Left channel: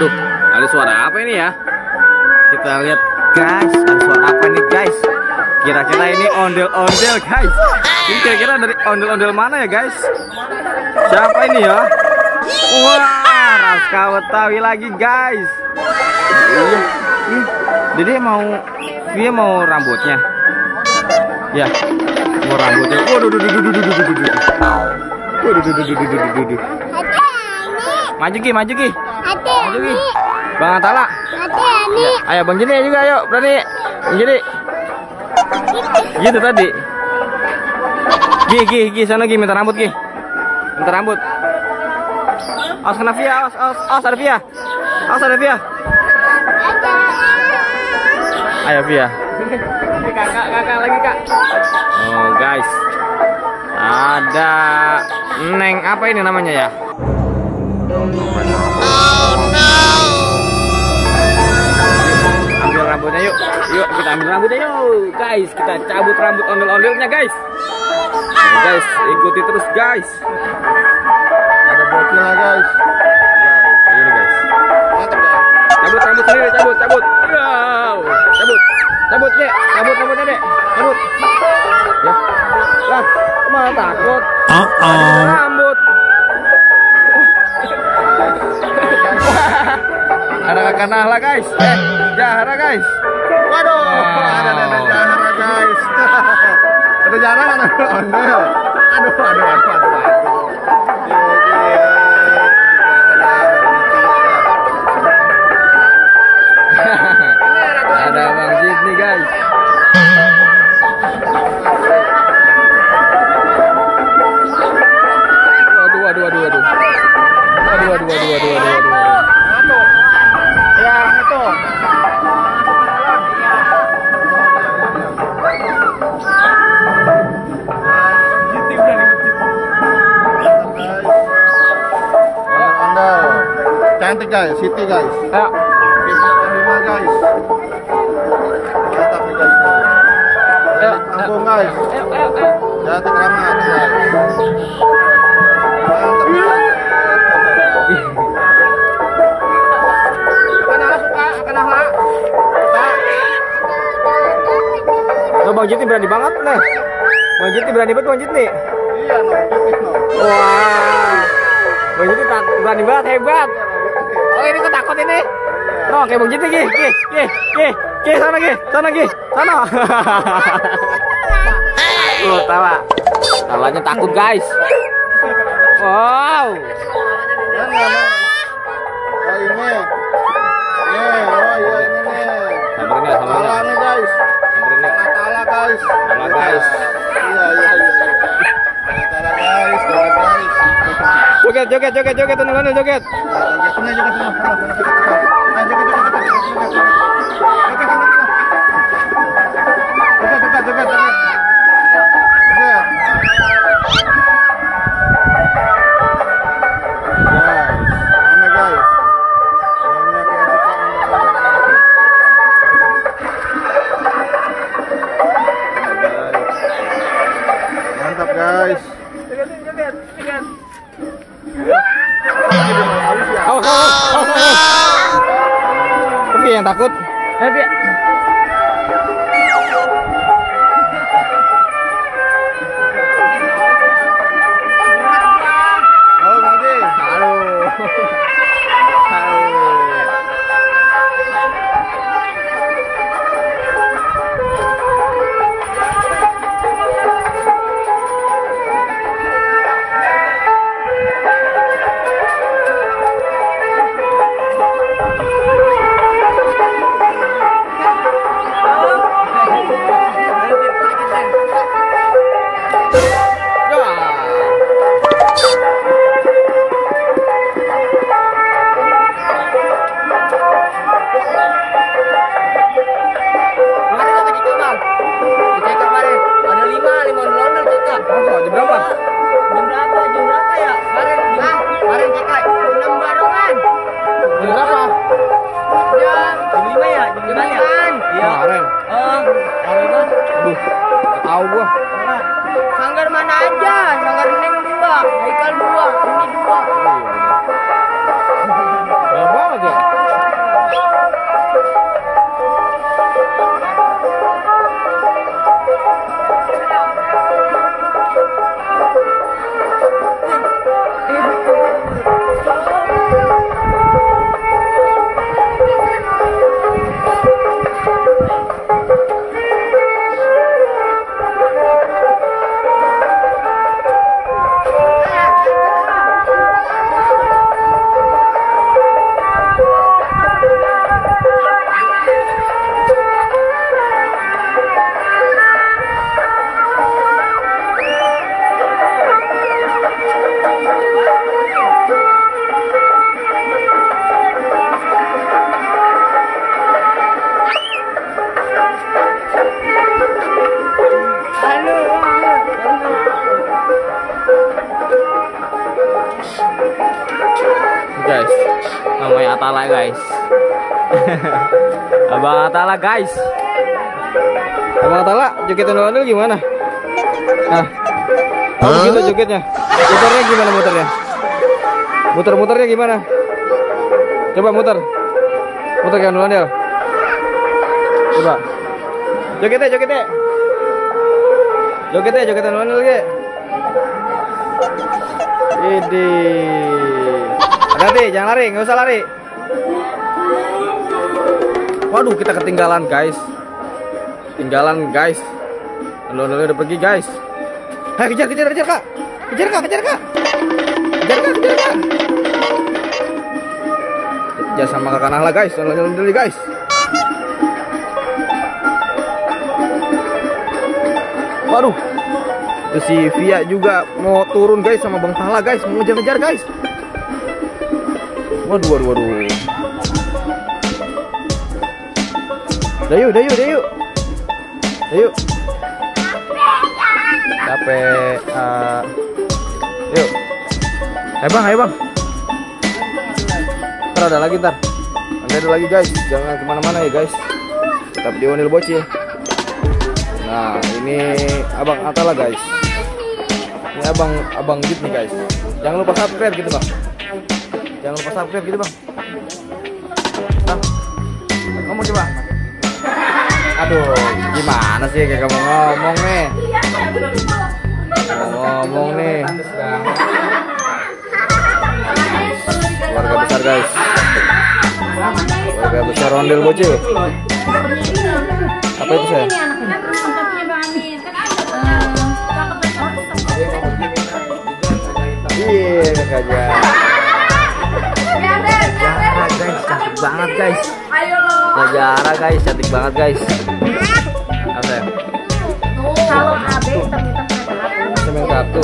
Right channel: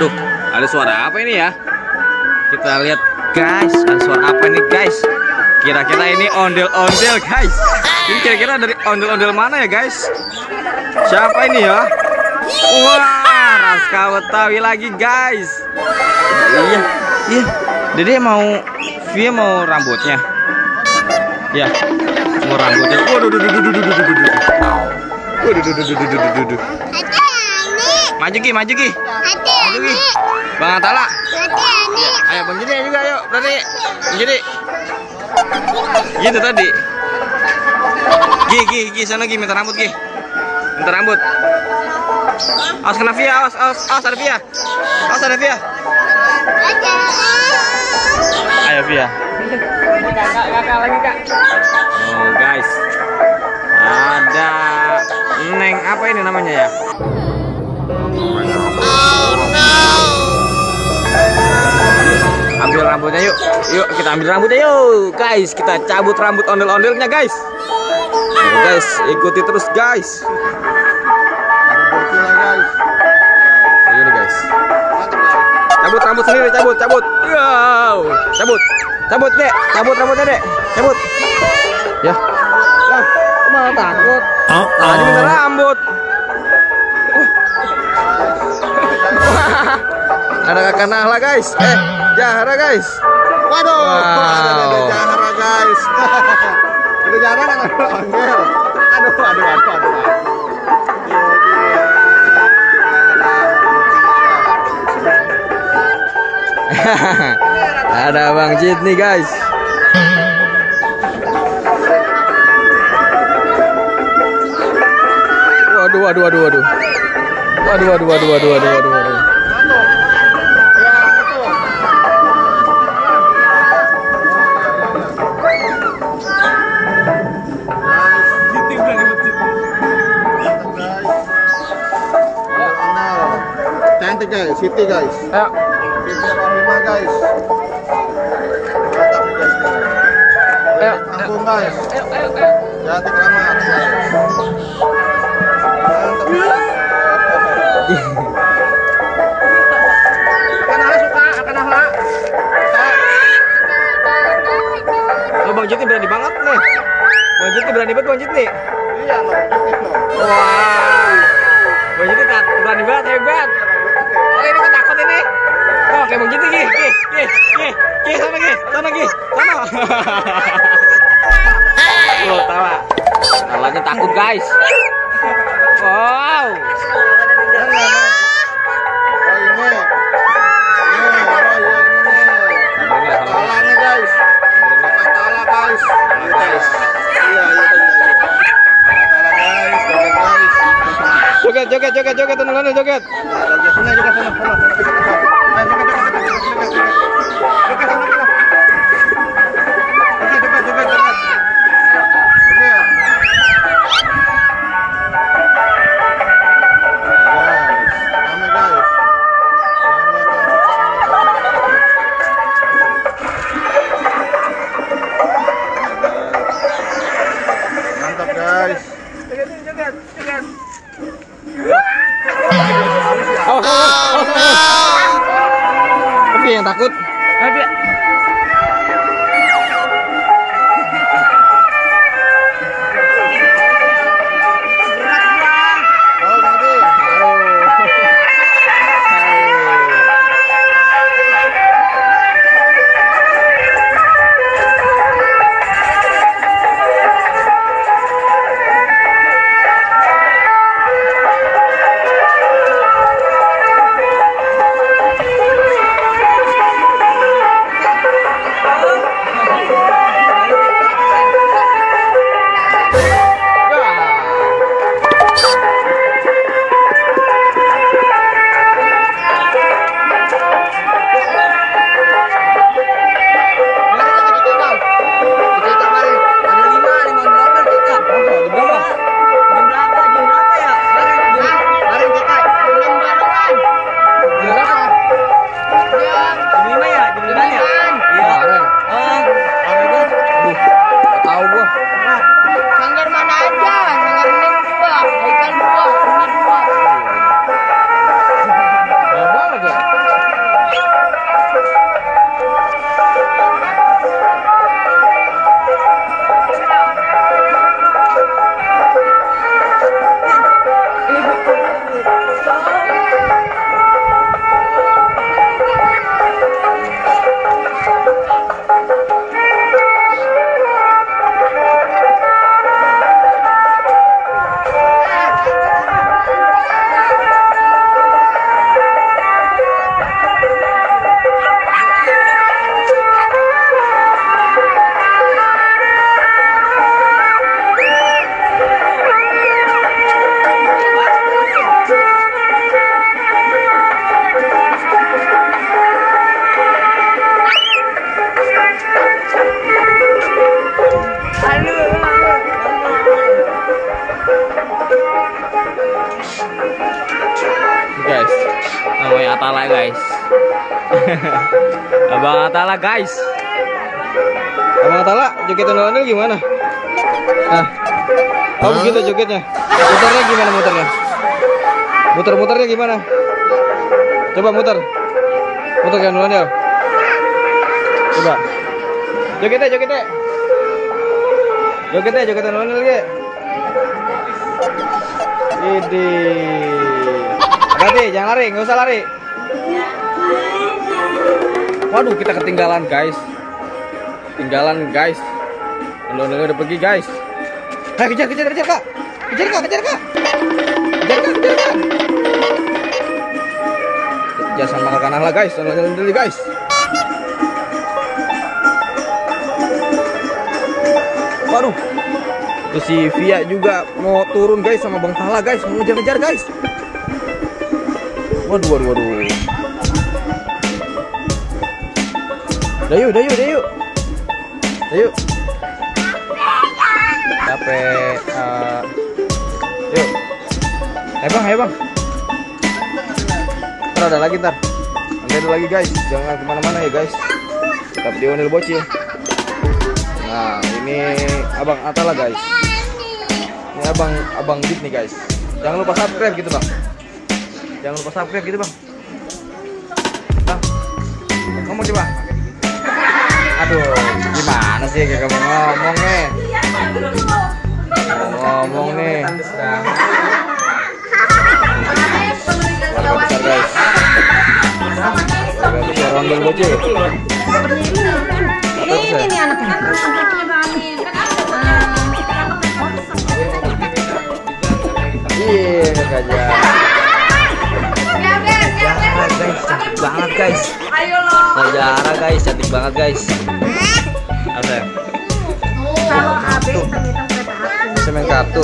Waduh, ada suara apa ini ya? Kita lihat guys, ada suara apa ini guys? Kira-kira ini ondel-ondel guys. Ini kira-kira dari ondel-ondel mana ya guys? Siapa ini ya? Wah, Raska Betawi lagi guys. Iya, iya. Dede mau, Via mau rambutnya. Ya, mau rambutnya. Waduh, maju Ki, maju Ki. Maju Ki. Bang Atala. Ayo Bang Jini juga, ayo berani. Bang Jini. Gitu tadi. Gi, sana Gi, minta rambut Gi. Minta rambut. Awas kena Via, awas ada Via. Awas ada Via. Ayo Via. Kakak lagi Kak. Oh guys. Ada Neng apa ini namanya ya? Oh no. Ambil rambutnya yuk. Yuk kita ambil rambutnya yuk. Guys, kita cabut rambut ondel-ondelnya guys. Guys, ikuti terus guys. Ada bokinya guys. Ini guys. Cabut rambut sendiri, cabut. Wow. Cabut Dek. Cabut rambutnya Dek. Cabut. Ya. Lah, malah takut. Rambut. Ada kakak Nahla guys. Jahara guys. Waduh, ada Jahara guys. Ada Jahara kan ondel. Aduh. Ada Bang Jit nih guys. Waduh. Cantik guys, Siti guys. Ayo. Lima guys. Tanggung guys. Cantik amat. Oh, Bang Jit berani banget nih. Bang Jit berani banget Bang Jit nih. Iya, Wah. Bang Jit berani banget, hebat. Oh, ini ketakut ini. Oh, kayak Bang Jit nih. Ki, sana. Loh, tawanya takut guys. Wow. Joget, teman-teman joget. Joget. Oh no. Tapi yang takut. guys. Namanya Atala guys. Abang Atala guys. Abang Atala, joget ondel-ondel gimana? Nah, kamu gitu jogetnya. Muternya gimana muternya? Muter-muternya gimana? Coba muter. Muter kan ondel-ondel. Coba. Jogetnya, jogetnya. Jogetnya, joget ondel-ondel ge. Ini. Hati-hati, jangan lari, nggak usah lari. Waduh, kita ketinggalan guys. Ketinggalan guys. Ondel-ondelnya udah pergi guys. Kejar, kejar, kejar kak. Kejar kak, kejar kak. Kejar kak, kejar kak. Kejar sama kakak Nahla guys. Ondel-ondel guys. Waduh, itu si Via juga mau turun guys sama Bang Tala guys, mau ngejar-ngejar guys. Waduh, waduh, waduh. Dayu, dayu, dayu. Dayu. Capek. Yuk. Ayo bang, ayo bang. Ntar ada lagi ntar. Nanti ada lagi guys, jangan kemana-mana ya guys. Tetap di Ondel Bocil. Nah, ini Abang Atala guys. Ini abang Dit nih guys. Jangan lupa subscribe gitu bang. Jangan lupa subscribe gitu bang. Bang, ngomong coba. Aduh, gimana sih kayak kamu ngomong nih? Ngomong nih. Keluarga besar guys. Keluarga besar Ondel Bocil. Apa itu saya? Iya, aja. Najara guys, cantik banget guys. Najara guys, cantik banget guys. Apa ya? Kartu. Saya main kartu.